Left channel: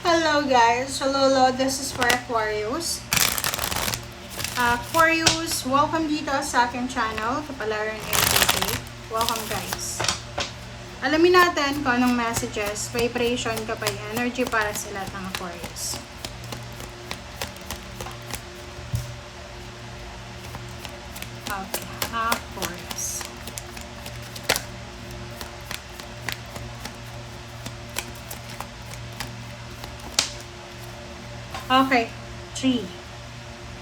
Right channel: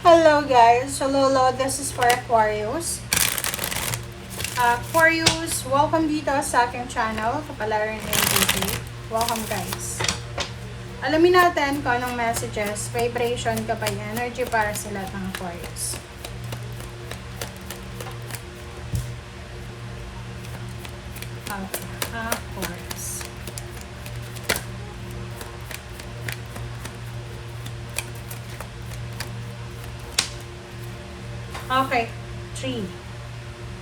Hello guys, Lolo, this is for Aquarius. Aquarius, welcome dito sa aking channel, Kapalaran NTT. Welcome guys. Alamin natin kung anong messages, vibration, kapay energy para sa lahat ng Aquarius. Okay, Aquarius. Okay, 3.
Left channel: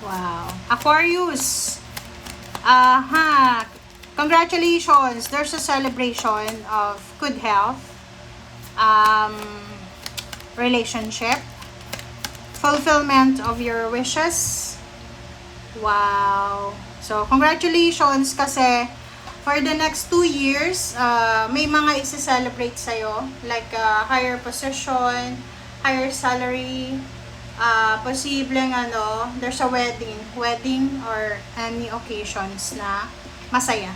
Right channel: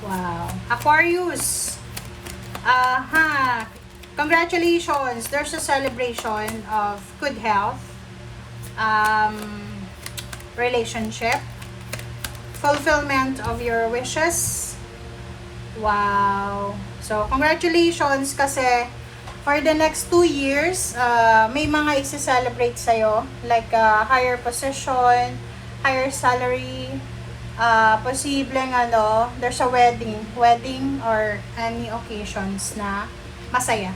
Wow. Aquarius. Congratulations. There's a celebration of good health, um, relationship, fulfillment of your wishes. Wow. So, congratulations kasi for the next 2 years, may mga isi-celebrate sa'yo. Like, higher position, higher salary, posibleng there's a wedding or any occasions na masaya.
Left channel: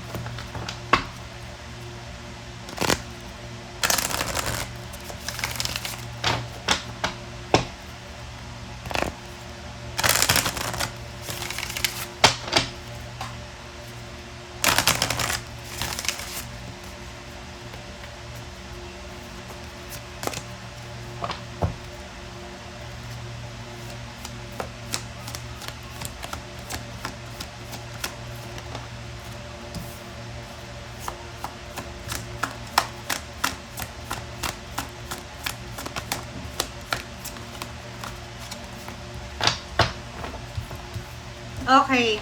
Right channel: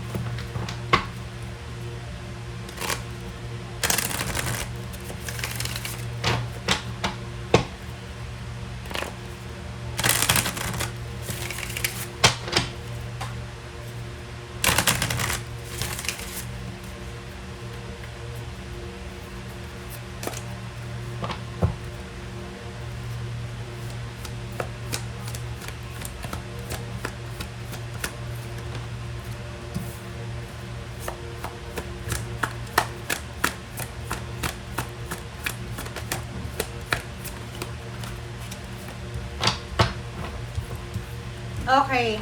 Okay.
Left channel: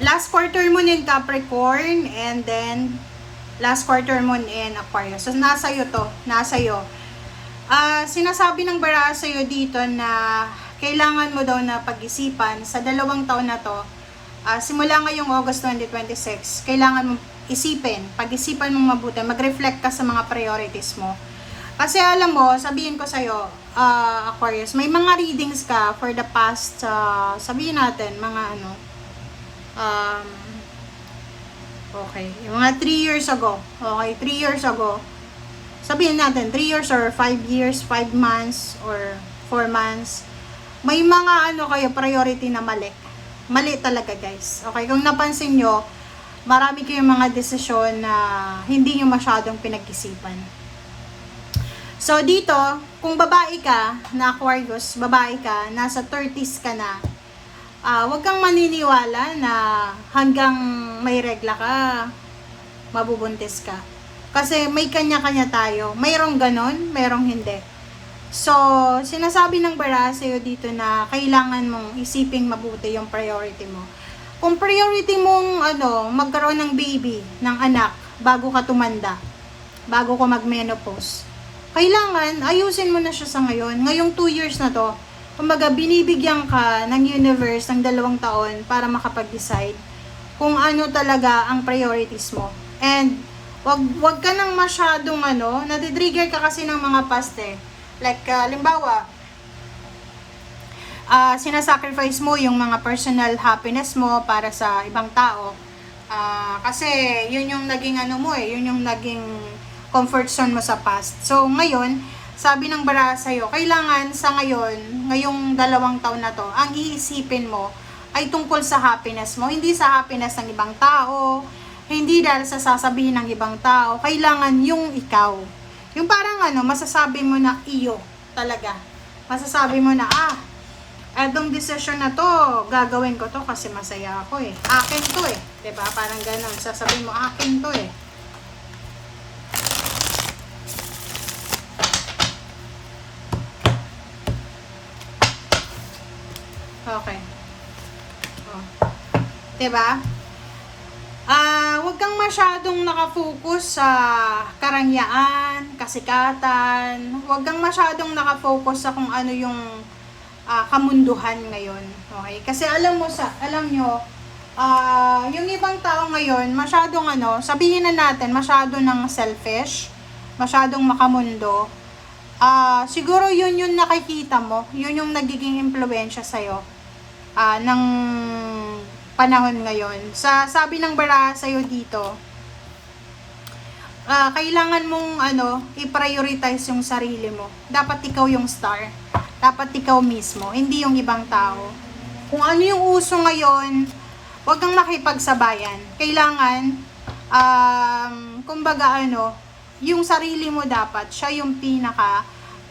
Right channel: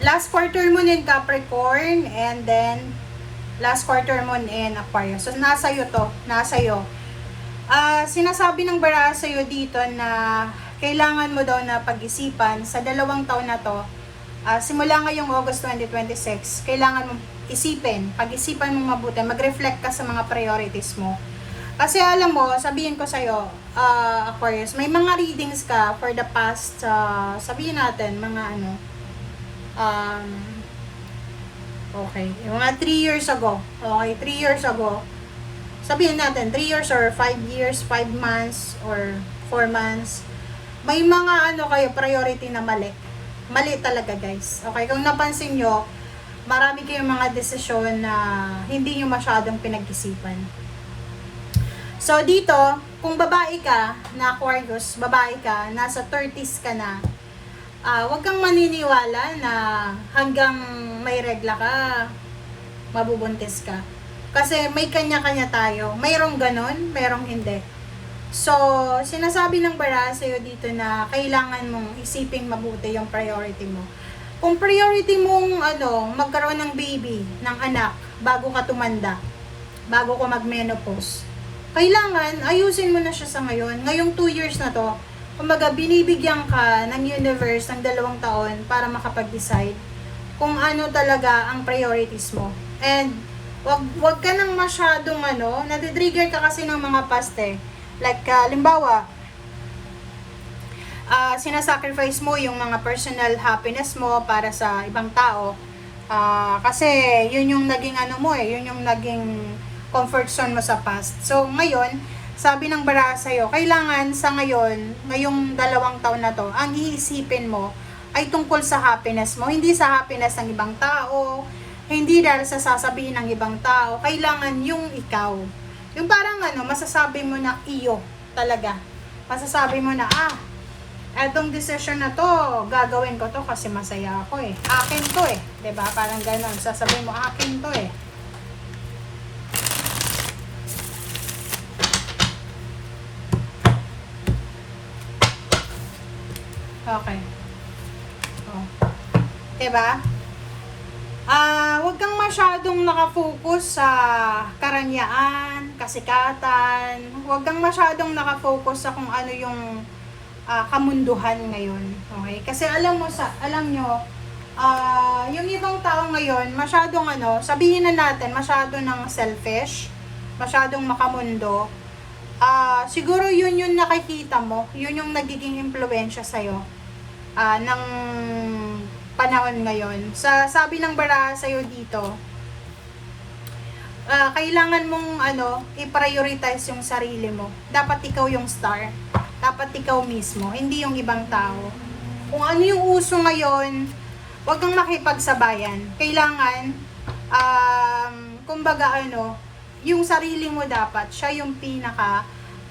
Last quarter moon in Capricorn and then last quarter moon in Aquarius. So, nasa iyo to. Nasa iyo. Sinasabi ng bara sa iyo dito na kailangan mo daw na pag-isipan sa 2 taon na to. Simula ngayong August 2026, kailangan mo isipin, pag-isipan mo mabuti, mag-reflect ka sa mga priorities mo. Kasi alam mo, sabihin ko sa'yo, Aquarius, may mga readings ka for the past, sabihin natin, mga okay, yung mga 3 years ago, okay, 3 years ago, sabihin natin, 3 years or 5 years, 5 months, or 4 months, may mga kayo, priority na mali. Mali talaga guys. Okay, kung napansin nyo, marami kayong mga desisyon na hindi nyo masyadong pinag-isipan. So, dito, kung babae ka na Aquarius, babae ka, nasa 30s ka na, wag kang maniniwala na hanggang may regla ka, mabubuntis ka. Kasi may kanya-kanya tayo. Mayroong ganon, mayroong hindi. So, sinasabi ng bara sa'yo dito na kailangan mong isipin mabuti yung priority mo. Kung priority mong magkaroon ng baby, ng anak, bago ka tumanda, bago ka mag-menopause, kailangan ayusin mo na siya sa ngayon. Ngayong 2 years na to, kumbaga binibigyan ka ng universe ng 2 taon para makapag-decide kung ano talaga ang priorities mo. And wag ka nang masyadong natitrigger ka kasi ng mga past Like, limbawa, sinasacrifice mo yung mga personal happiness mo para sa ibang tao. Kasi yun yung naging yun yung naging comfort zone mo sa past. So, ngayon, sabi ng bara sa'yo, kailangan sa ngayong 2 taon na to, ang iisipin mo ay tungkol sa happiness mo. Hindi sa happiness ng ibang tao, hindi dahil sa sasabihin ng ibang tao, kailangan yung ikaw. Yung parang masasabi mo na iyo talaga. Masasabi mo na, etong decision na to, gagawin ko to kasi masaya ako Akin to Diba? Parang ganon. Sasabihin mo, akin to Okay. Oh. Diba? Huwag kang masyadong nakafocus sa karanyaan, kasikatan. Huwag kang masyadong nakafocus sa kung ano yung kamunduhan ngayon. Okay? Kasi alam nyo, yung ibang tao ngayon, masyadong sabihin na natin, masyado ng selfish, masyadong makamundo. Siguro yun yung nakikita mo, yun yung nagiging impluwensya sa'yo ng panahon ngayon. Sabi ng bara sa'yo dito, kailangan mong i-prioritize yung sarili mo. Dapat ikaw yung star. Dapat ikaw mismo, hindi yung ibang tao. Kung ano yung uso ngayon, huwag kang makipagsabayan. Kailangan, kumbaga yung sarili mo dapat, siya yung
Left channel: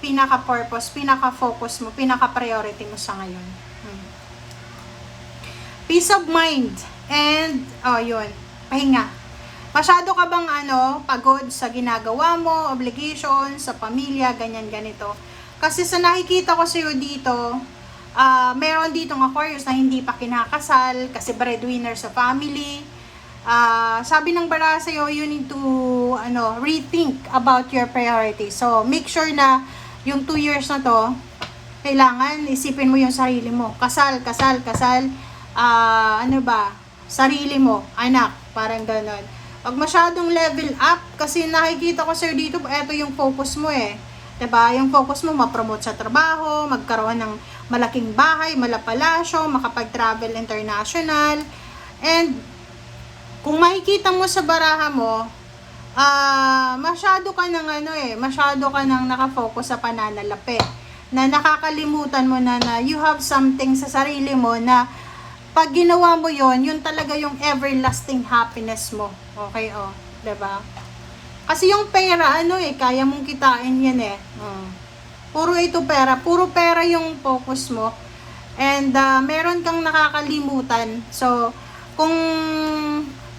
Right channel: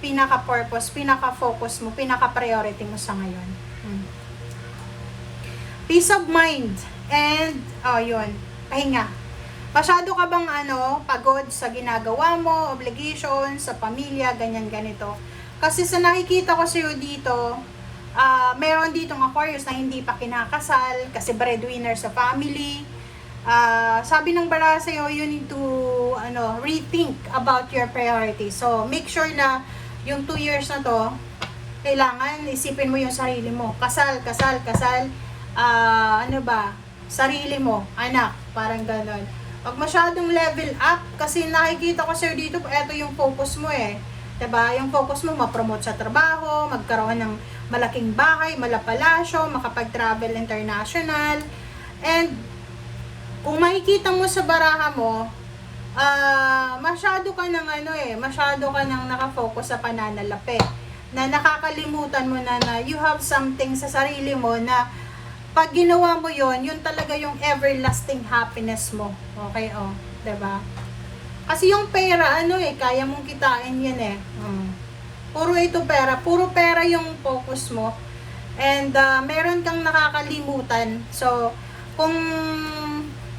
pinaka-purpose, pinaka-focus mo, pinaka-priority mo sa ngayon. Peace of mind. And, yun, pahinga. Masyado ka bang pagod sa ginagawa mo, obligation, sa pamilya, ganyan, ganito. Kasi sa nakikita ko sa'yo dito, meron ditong Aquarius na hindi pa kinakasal, kasi breadwinner sa family. Sabi ng bara sa'yo, you need to rethink about your priorities. So, make sure na yung 2 years na to, kailangan isipin mo yung sarili mo. Kasal. Sarili mo, anak, parang ganon. Pag masyadong level up, kasi nakikita ko sir dito, eto yung focus mo diba? Yung focus mo, ma-promote sa trabaho, magkaroon ng malaking bahay, malapalasyo, makapag-travel international, and kung makikita mo sa baraha mo, masyado ka nang nakafocus sa pananalapi, na nakakalimutan mo na you have something sa sarili mo na pag ginawa mo yon, yun talaga yung everlasting happiness mo. Okay, diba? Kasi yung pera, kaya mong kitain yan Puro pera yung focus mo. And meron kang nakakalimutan. So, kung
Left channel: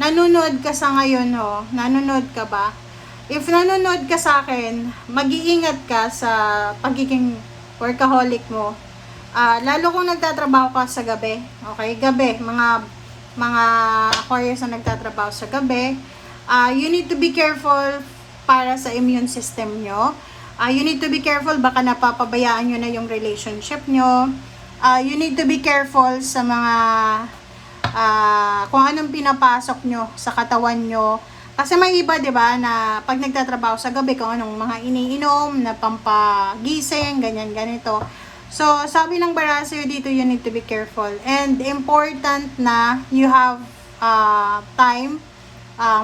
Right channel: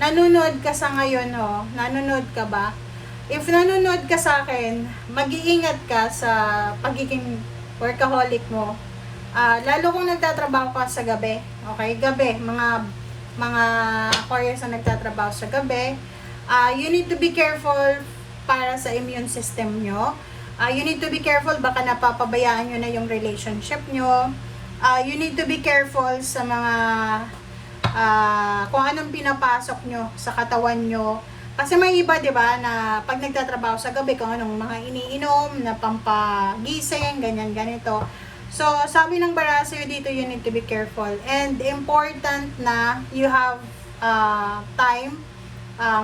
nanonood ka sa ngayon, nanonood ka ba? If nanonood ka sa akin, mag-iingat ka sa pagiging workaholic mo. Lalo kung nagtatrabaho ka sa gabi, okay? Gabi, mga Aquarius na nagtatrabaho sa gabi, you need to be careful para sa immune system nyo. You need to be careful, baka napapabayaan nyo na yung relationship nyo. You need to be careful sa mga kung anong pinapasok nyo sa katawan nyo. Kasi may iba, diba, na pag nagtatrabaho sa gabi, kung anong mga iniinom na pampagising, ganyan, ganito. So, sabi ng bara sa'yo dito, you need to be careful. And important na you have time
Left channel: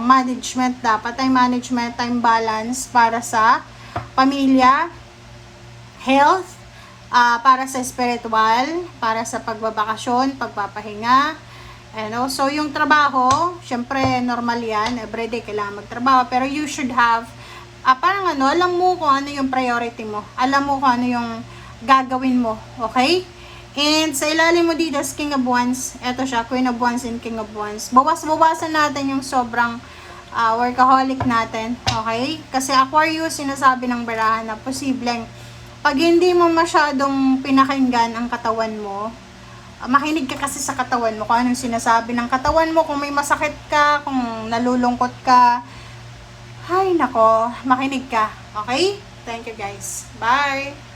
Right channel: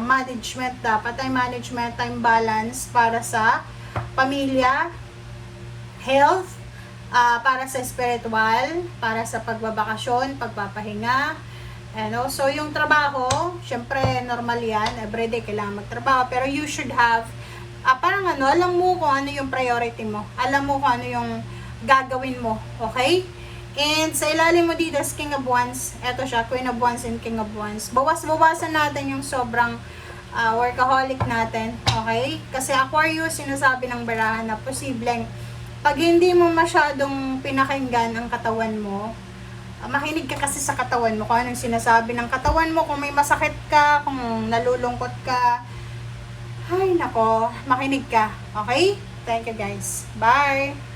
management, dapat time management, time balance para sa pamilya, health, para sa spiritual, para sa pagbabakasyon, pagpapahinga, and also yung trabaho, syempre normal yan, everyday kailangan magtrabaho, pero you should have, parang alam mo kung ano yung priority mo, alam mo kung ano yung gagawin mo, okay? And sa ilalim mo dito is King of Wands, eto siya, Queen of Wands and King of Wands. Bawas-bawasan natin yung sobrang workaholic natin, okay? Kasi Aquarius, sinasabi ng barahan na posibleng pag hindi mo masyadong pinakinggan ang katawan mo, makinig ka kasi sa katawan mo, kung anong sinasabi ng katawan mo, kung may masakit ka, kung nalulungkot ka, hay nako, makinig ka, okay? Thank you guys. Bye!